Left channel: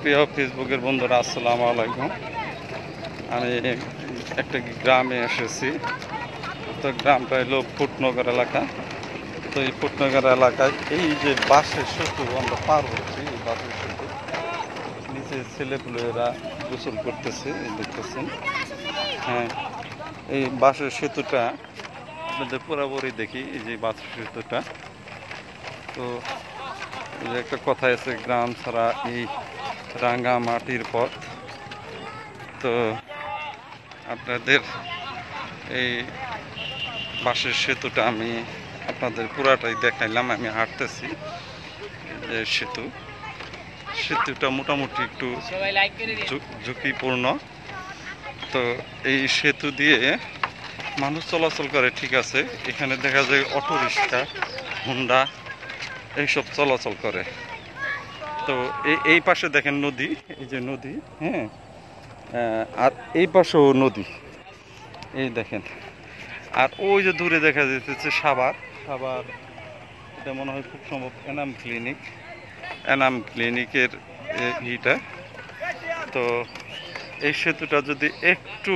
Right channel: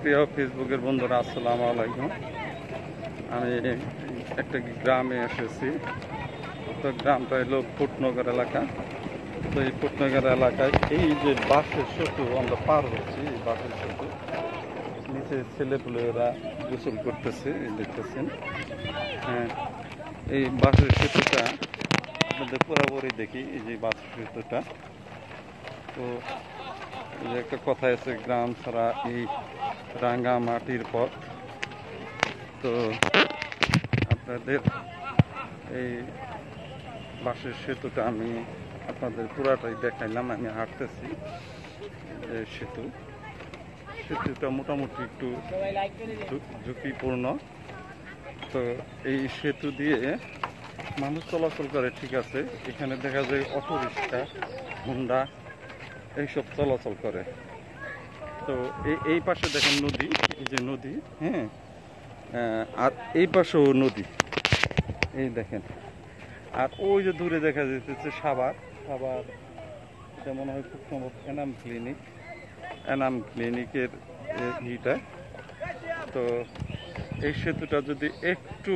প্রিয় ফেসবুকের বন্ধুরা, আসসালামু আলাইকুম। আমি একটা গ্রামে এসেছি। তো গ্রামটা হলো ফুটনগর এলাকা। তো এই ফুটনগর এলাকায় এই যে বাঁশের সেতু আমরা পার হচ্ছি, এই বাঁশের সেতু নিচে ছেলেপুলেরা গোসল করতেছে, এই দেখতেছেন। হ্যাঁ, এই বাঁশের সেতুটা আপনাদের পুরোপুরি দেখি, এই যে বাঁশের সেতুটা। তো এই যে একটা কথা আছে, গ্রাম ছাড়া এই রাঙ্গা মাটির পথ। তো আপনাদের এই বাঁশের সেতুটা আমি আপনাদের পুরাটাই দেখাইলাম। আমি হাঁটতেছি যে সেতুটা মোটামুটি একটু ঝুঁকিপূর্ণ। তো এই সেতু দিয়ে মানুষ চলাচল করে, ঠিক আছে। এখানে দেখা যায় অটো রিক্সা, হুন্ডা এইসব চলাচল করে। তো এই পাশে দেখেন নদী, এই যে নদী, হ্যাঁ। আর এই পাশেও নদী, এই দেখেন। আর ওই যে দূরে দেখা যাচ্ছে সাভার। এটা মনে হয় খুব সম্ভব এনাম ক্লিনিকের ইটা। তো এই সেতুটা যদি একটু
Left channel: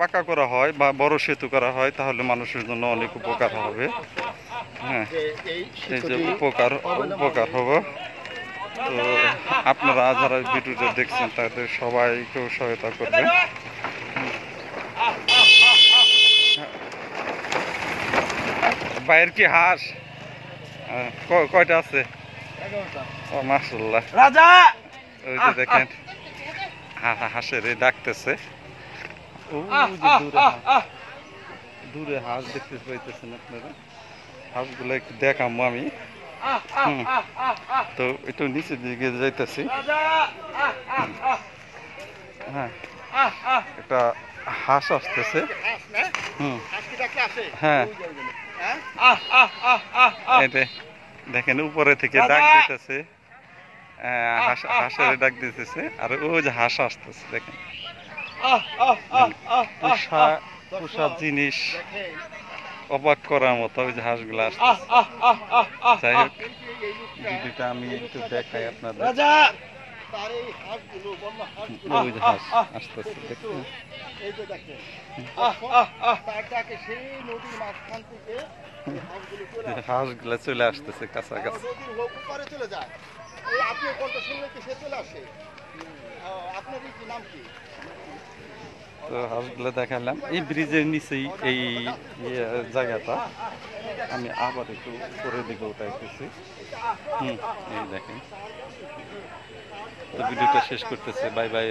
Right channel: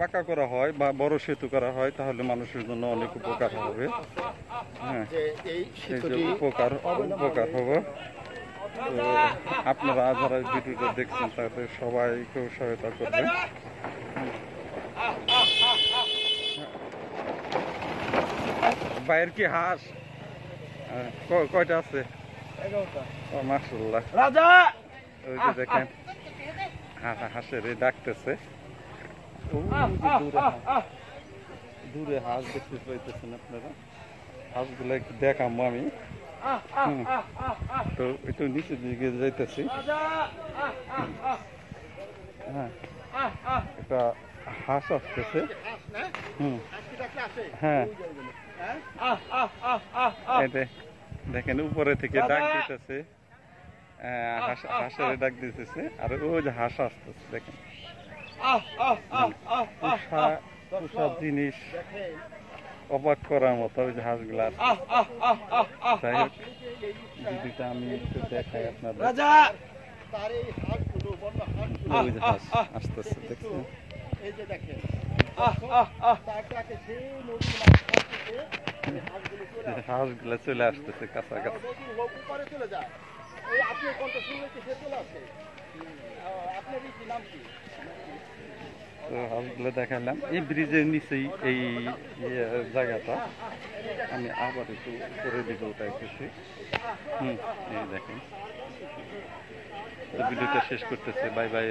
পাকা করা হয় বা বড় সেতু করা হয়, তাহলে মানুষের জন্য অনেক উপকার হবে। হ্যাঁ, এই যে উপকার হবে। তো আপনারা যারা ভিডিওটা দেখছেন তাদের সবাইকেও সহায়তা করবেন। বাইরের কি হাঁস কয়টা আছে? ও মাশাআল্লাহ, রাজা। ওই যে দেখেন হাঁসের ডাকতেছে। দূরে হাঁস দেখতে পাইতেছেন আপনারা। হাঁসগুলো একটু দেখাবো আমি। তো একটু নিচের দিকে যাইতেছি। হ্যাঁ, একটা হাঁস আসতেছে। হ্যাঁ, এটা দেখেন উপরে থেকে ডাক দিতেছে, হাঁসের ডাক দিতেছে। আর ওই যে হাঁস আসতেছে, দেখেন। পোষা জিনিস, অবাক করার মতো ওই যে হাঁসগুলো আসতেছে। যাই হোক, ভিডিওটা আমি একটু দেখাই আপনাদের। ওই যে হাঁস আসতেছে, দেখছেন। হাঁসগুলো চলে আসতেছে কাছাকাছি। তো হাঁসগুলো দেখালাম। এই ব্রিজের নিচেই এই জায়গাটা। আমি আবার একটু উপরের দিকে উঠাইতেছি। এই দেখেন। তো ভিডিওটা শেষ করতেছে। Bye bye.